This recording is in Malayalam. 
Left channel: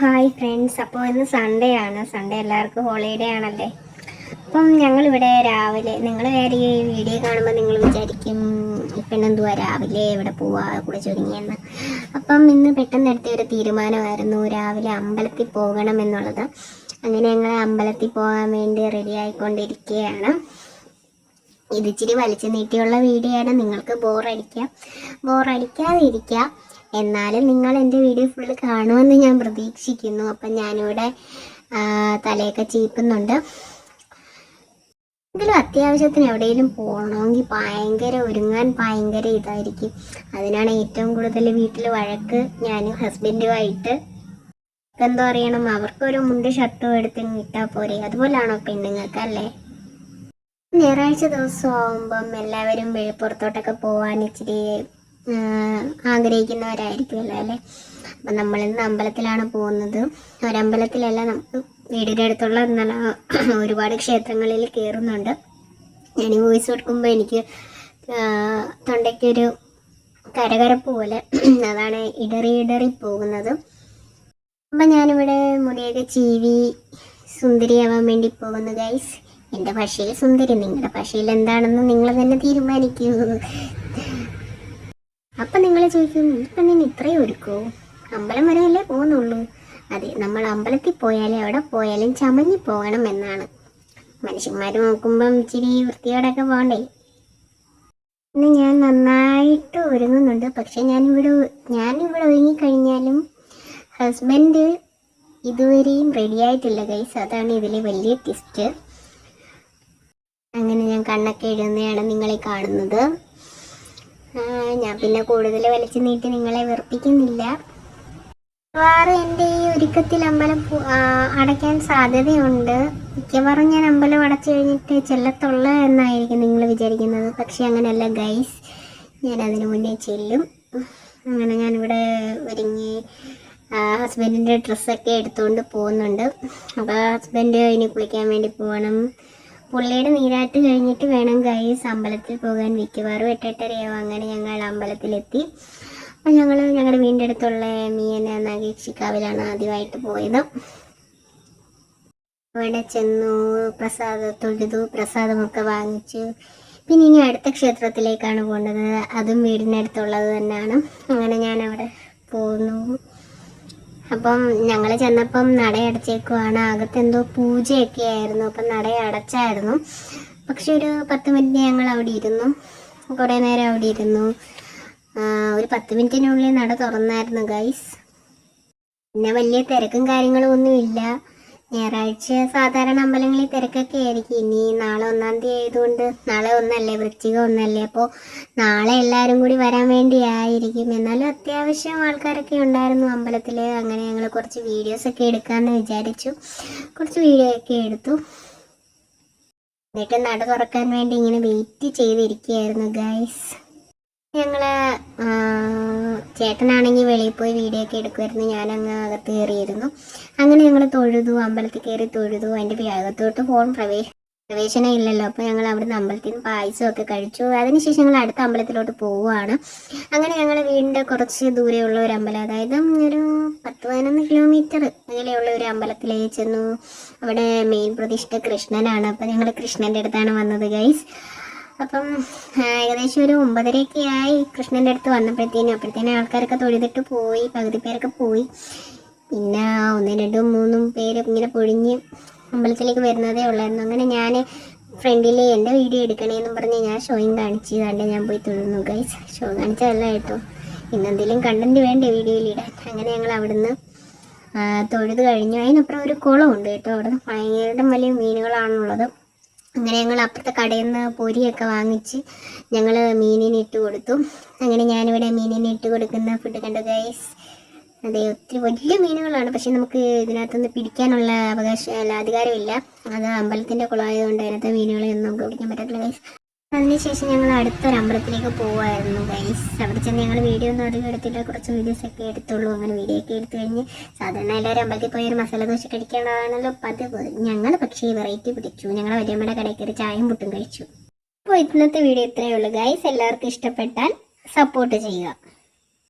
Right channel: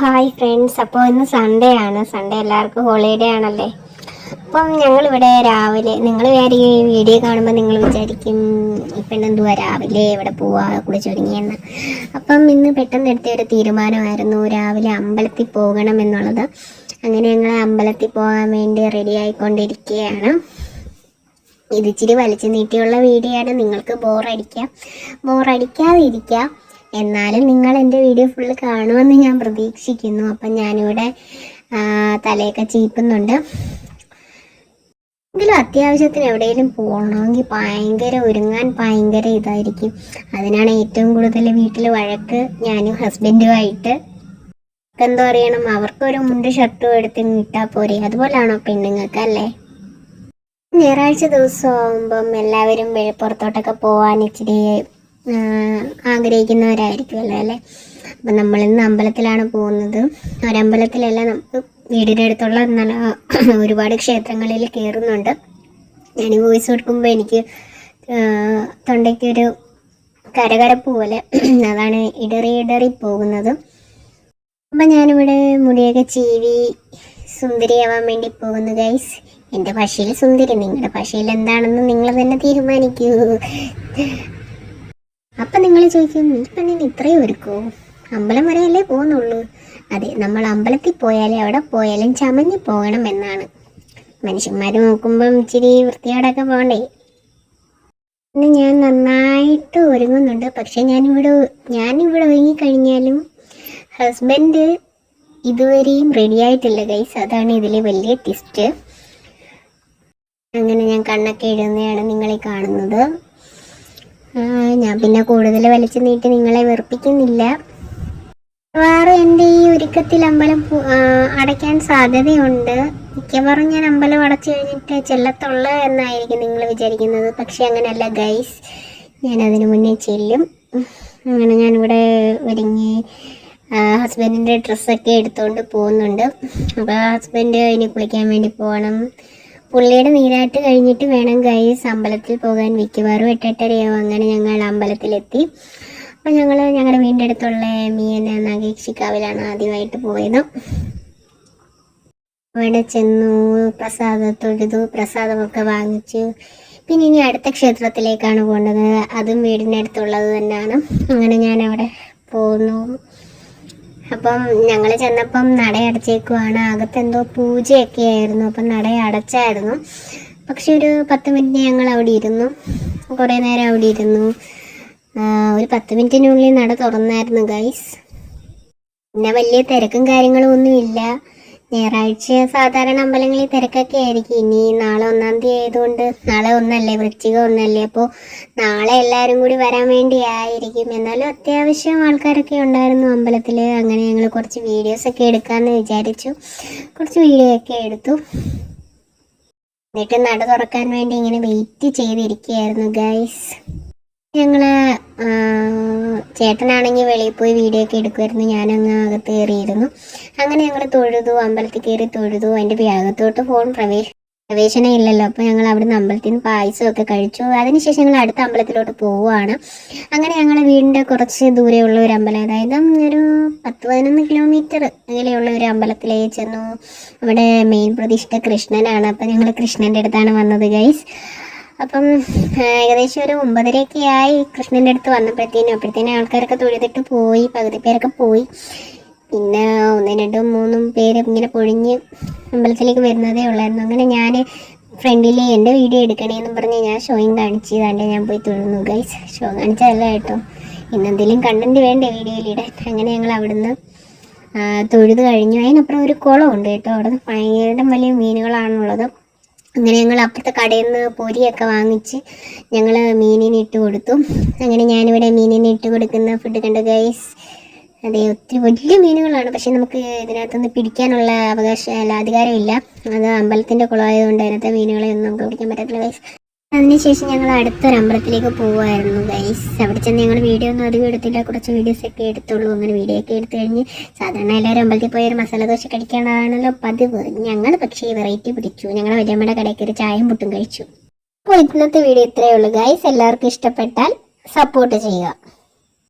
Hi friends. അപ്പോൾ ഇന്ന് സൺഡേ ആണ്. സൺഡേ എല്ലാവർക്കും ഹോളിഡേ ആണല്ലേ? അപ്പം ഞങ്ങളിവിടെ രാവിലെ നിങ്ങൾ വേറെ ഈ വീഡിയോ കാണുമ്പോൾ നിങ്ങൾ വിചാരിക്കും ഇപ്പം എന്തുവാ രാവിലെ ഇവിടെ പോവാ കുളിച്ചൊരുങ്ങിയെന്ന് അപ്പം ഇന്ന് പെട്ടെന്ന് എടുത്ത ഒരു തീരുമാനമായിരുന്നു രാവിലെ അമ്പലത്തിൽ പോകണം എന്നുള്ളത്. അങ്ങനെ ഞങ്ങൾ അമ്പലത്തിൽ പോകാൻ വേണ്ടി റെഡി ആയിക്കൊണ്ടിരിക്കുകയാണ്. ഇത് ഇച്ചിരി വലിച്ചു നീട്ടിയുള്ള വീഡിയോ ആണ്. നിങ്ങൾക്ക് ബോറടിക്കാം ബോറടിക്കാതിരിക്കാം എന്നാലും നിങ്ങൾ എന്റെ വീഡിയോ ഫുള്ള് കാണുമെന്ന് ഞാൻ പ്രതീക്ഷിക്കുന്നു. അപ്പം ഞാനിവിടെ തലയൊക്കെ ചീപ്പുന്നുണ്ട്. എങ്കിലും അത്യാവശ്യത്തിന് എവിടെയെങ്കിലും പോകണമെങ്കിൽ ഭയങ്കര ഒരുങ്ങാൻ ഭയങ്കര ഇതായിരിക്കും. അതിനാണ് ഏറ്റവും കൂടുതൽ വീട്ടിൽ വഴക്ക് ഞാനും ഹസ്ബൻഡുമായിട്ട്. എന്തോ അറിയണം അവർക്കൊരു മുണ്ട് ഷർട്ടും എടുത്ത് ഇട്ടാൽ പോരെ. അതുപോലാണോ പെണ്ണുങ്ങൾക്ക് അല്ലേ ഞായറാഴ്ച ദിവസം ആകുമ്പം എല്ലാവരും വെളിപ്പുറത്തോട്ടൊക്കെ പോകാൻ ഇച്ചിരി ആഗ്രഹിക്കുന്നവരായിരിക്കുമല്ലോ അല്ലേ? അപ്പം നമ്മൾ ഇന്ന് അമ്പലത്തിലാണ് പോകുന്നത്. ഒരമ്പലത്തിലല്ല നമുക്ക് വീടിന്റെ അടുത്തുള്ള നല്ല ഒരുപാട് ക്ഷേത്രങ്ങളിൽ കയറുന്നുണ്ട്. ഞാൻ വോയിസ് കൊടുക്കുമ്പോൾ എനിക്ക് തൊണ്ടയ്ക്കൊരു കരകരപ്പ് പോലെ അതാണ് ഇടറി ഇടറി പോകുന്നത്. അപ്പം ഞാനിവിടെ മുടിയൊക്കെ ചീവി സുന്ദരിയാവാൻ വേണ്ടി പോകുന്നു ഗൈസ് എന്റെ ഭാഷയിൽ സുന്ദരി നിങ്ങളുടെ ഭാഷയിൽ എന്താണെന്ന് നിങ്ങൾ തന്നെ തീരുമാനിക്കൂ. അപ്പം നിങ്ങൾ ചോദിക്കും ഇപ്പം നിന്ന് ഇത്രയും ഒരുക്കോ? അമ്പലം വരെയല്ലേ പോകുന്നുള്ളൂ. അതെ നമ്മൾ അമ്പലത്തിൽ പോയാലേ അവിടെ പോയാലും ചമഞ്ഞു പോകണം എന്നാണ്. മനുഷ്യന്മാർ നോക്കുമ്പം ഇച്ചിരി വൃത്തിയോടൊക്കെ പോകണ്ടേ? പിന്നെ ഞാൻ നന്നായിട്ട് ഒരുങ്ങുന്നുണ്ട്. പക്ഷെ ഞാനിവിടെ ഞാനിവിടെ ഒരുങ്ങിക്കഴിഞ്ഞാലും ഹസ്ബൻഡ് ഇതുവരെയും റെഡി ആയിട്ടില്ല ഗൈസ് അതാണ് ഇതിലെ വലിയ ട്വിസ്റ്റ് അങ്ങനെ ഞാൻ കണ്ണൊക്കെ എഴുതുന്നതാണ് നിങ്ങളീ കാണുന്നത്. ഞാൻ പിന്നെ കൂടുതൽ വലിച്ചു നീട്ടി നിങ്ങളെ വെറുപ്പിക്കുന്നില്ല. മിക്കവാറും എന്റെ ഈ ഒരുക്കത്തിൽ അമ്പലം അടയ്ക്കാൻ സാധ്യതയുണ്ട്. മിക്കവാറും ഞാൻ അമ്പലം അടച്ചു കഴിഞ്ഞിട്ട് ചെല്ലത്തുള്ളൂ എന്നായിരിക്കും നിങ്ങൾ വിചാരിക്കുന്നത്. പക്ഷേ അങ്ങനെയല്ല ഗൈസ് ഞാൻ അതിനു മുന്നേ ചെല്ലും. അങ്ങനെ ഞാനിവിടെ ഒരുങ്ങി ഹസ്ബൻഡിന്റെ ഡ്രസ്സൊക്കെ എടുത്തുകൊണ്ട് പോകുന്നുണ്ട്. അപ്പോൾ ഹസ്ബൻഡ് ഇനി കുളിക്കാൻ വേണ്ടി പോകണം പുള്ളിയുടെ നീരാട്ട് കഴിഞ്ഞിട്ട് വേണം ഗൈസ് അമ്പലത്തിൽ പോകാൻ. മിക്കവാറും എട്ടെട്ടരയാവും. അങ്ങനെ ഞങ്ങൾ അമ്പലത്തിലെത്തി. അപ്പം ഞങ്ങൾ ഞങ്ങളുടെ വീടിന്റെ അടുത്തുള്ള മീൻ നഗേക്ഷിക്കാവിലാണ് ആദ്യമായിട്ട് പോയത്. അവിടെ ചെന്നു പ്രസാദം തൊഴുതു പ്രസാദമൊക്കെ വാങ്ങിച്ചു. പിന്നെ ഇനി അടുത്ത ക്ഷേത്രത്തിലേക്കാണ് പോകേണ്ടത്. അതും വീടിന്റെ അടുത്തുള്ളത് തന്നെയാണ് അങ്ങനെ ഞാൻ അവിടെ പോന്നു. അപ്പം ഞങ്ങൾ ചെന്നപ്പം നട അടച്ചേക്കുവാണ്. അകത്ത് എന്തോ പൂജയൊക്കെ ആയിരുന്നു അപ്പം നടയടച്ചായിരുന്നു പക്ഷെ ഒരു പത്ത് മിനിറ്റ് ഞങ്ങൾ അവിടെ ഇരുന്നു. കുറേ നേരം അവിടെ ഇരുന്നു. ഒരു പത്ത് മിനിറ്റിനുള്ളിൽ നട തുറന്നായിരുന്നു ഗൈസ് പിന്നെ വലിയ തിരക്കും കാര്യങ്ങളും ഒന്നും ഇല്ല ഞായറാഴ്ച സാധാരണ അമ്പലങ്ങളിൽ തിരക്കൊക്കെ ആയിരിക്കും. ഇനി നാളെ ഒന്നാം തീയതി ആയതുകൊണ്ട് നാളെ ഒന്നല്ലേ വൃശ്ചികം ഒന്നല്ലേ. അപ്പോൾ നാളെ എല്ലാവരും കൂടി വരാൻ വേണ്ടി ആയിരിക്കും. എന്നാലും അത്യാവശ്യം ആൾക്കാരൊക്കെ ഉണ്ടായിരുന്നു അമ്പലത്തിൽ അങ്ങനെ ഞങ്ങൾ കുറച്ച് വീഡിയോസ് ഒക്കെ എടുക്കാമെന്ന് വിചാരിച്ചു. കുറച്ച് വീഡിയോ ഒക്കെ എടുത്തു. എന്നിട്ട് നട തുറക്കാൻ വേണ്ടി ഇങ്ങനെ വെയിറ്റ് ചെയ്തിരിക്കുകയായിരുന്നു ഗൈസ് ഞങ്ങൾ ചേട്ടനാണെങ്കിൽ വെളിയിൽ പോയി വീഡിയോ ഒക്കെ എടുക്കുമായിരുന്നു ഞാനങ്ങ് അകത്ത് കയറിയിരുന്നു. അങ്ങനെ ഞങ്ങൾ തൊഴുതു അമ്പലത്തിൽ കയറി തൊഴുതു. അതിന്റെ അകത്തോട്ട് ഫോൺ പ്രവേശ പ്രവേശനം ഇല്ലല്ലോ. അപ്പോൾ ഞങ്ങൾ അവിടുന്ന് അമ്പലത്തിൽ നിന്ന് പായസമൊക്കെ കഴിച്ചു. അതിനുശേഷം ഞങ്ങൾ അടുത്ത അമ്പലത്തിലോട്ട് പോവുകയാണ് അങ്ങനെ ഞങ്ങൾ വീടിന്റെ കുറച്ച് ദൂരെയുള്ള ഒരു അമ്പലം അതായത് ഒരു പത്ത് പതിനൊന്ന് കിലോമീറ്റർ അങ്ങനെയുള്ള ഒരു അമ്പലത്തിലേക്ക് ചെന്നു. അവിടെ മെയിൻ പ്രതിഷ്ഠ കൃഷ്ണനാണ്. അപ്പോൾ ഞങ്ങൾ കൃഷ്ണന്റെ അടുത്താണ് വന്നത് ഗൈസ് അപ്പം ഏകദേശം ഒരു ഒമ്പതരയൊക്കെ ആയി കൃഷ്ണന്റെ അടുത്ത് വന്നപ്പോഴത്തേനും അപ്പോഴത്തേനും ആൾക്കാരൊക്കെ തൊഴുതിട്ട് പോയി പകുതി പേരൊക്കെ പോയി. പിന്നെ ഒന്നും രണ്ടും മൂന്നും പേര് ഇങ്ങനെ പൊഴിഞ്ഞ് അമ്പലത്തിലേക്ക് വരുന്നതേ ഉള്ളായിരുന്നു. അങ്ങനെ ഞാൻ ഫ്രണ്ടിൽ എന്റെ വീഡിയോ എടുക്കണേന്ന് പറഞ്ഞ് ഞാൻ ഷോയും കാണിച്ച് തന്നെ ഞാൻ പോയി തൊഴുന്നു ഗൈസ് ഷോ കാണിച്ചതല്ല കേട്ടോ. ഇന്നെന്തെങ്കിലും കണ്ടന്റ് വേണ്ടേ വീഡിയോയിലിടാൻ? അങ്ങനെ ഞങ്ങൾ അവിടുന്ന് തൊഴുത് കഴിഞ്ഞു. അതിനപ്പുറം ഒരു കുളമുണ്ട് കേട്ടോ. അവിടെ ഭയങ്കര വലിയ മീനുകളാണുള്ളത്. അങ്ങനെ ഞങ്ങൾ അപ്പുറത്തെ കടയിൽ നിന്ന് പൊരിയൊക്കെ വാങ്ങിച്ച് ഞങ്ങൾ മീനിന് ഇട്ട് കൊടുത്തു. അങ്ങനെ ഞാനിവിടെ മീനിന് ഇട്ട് കൊടുക്കുന്ന ഫുഡ് കണ്ടു ഗൈസ് അതെ ഒത്തിരി വലിയ മീനുകളാണ്. പക്ഷെ നമുക്ക് ഇതിനകത്തുനിന്ന് പിടിക്കാനുള്ള അവകാശം അല്ല അധികാരമില്ല. അത് അമ്പലത്തിന്റെ കുളമായതുകൊണ്ട് അതിനകത്തെ മീനുകളെ ഒന്നും നമുക്ക് പിടിക്കാൻ പറ്റത്തില്ല ഗൈസ് അതിനുശേഷം ഞങ്ങൾ അടുത്തൊരു അമ്പലത്തിലേക്ക് പോവുമായിരുന്നു ഗൈസ് അവിടെ ചെന്ന് ഞങ്ങൾ വീഡിയോ ഒന്നും അധികം എടുത്തില്ല. കുറച്ച് വീഡിയോസ് ഒക്കെ എടുത്തുള്ളൂ. അങ്ങനെ വീഡിയോ ഒക്കെ എടുത്തു കഴിഞ്ഞ് സാധാരണ എല്ലാവരും അമ്പലത്തിൽ പോയി ഒരു മസാല ദോശ കഴിക്കാനാണല്ലോ പതിവ്. ഞങ്ങൾ പക്ഷേ വെറൈറ്റി പിടിച്ചു. ഞങ്ങൾ വലിയമ്മയുടെ കടയിൽ കയറി ചായയും പുട്ടും കഴിച്ചു. അപ്പോൾ ഇന്നത്തെ വീഡിയോ ഇത്രയേ ഉള്ളൂ ഗൈസ് എല്ലാവർക്കും ഇഷ്ടപ്പെട്ടാൽ സപ്പോർട്ട് ചെയ്യുക.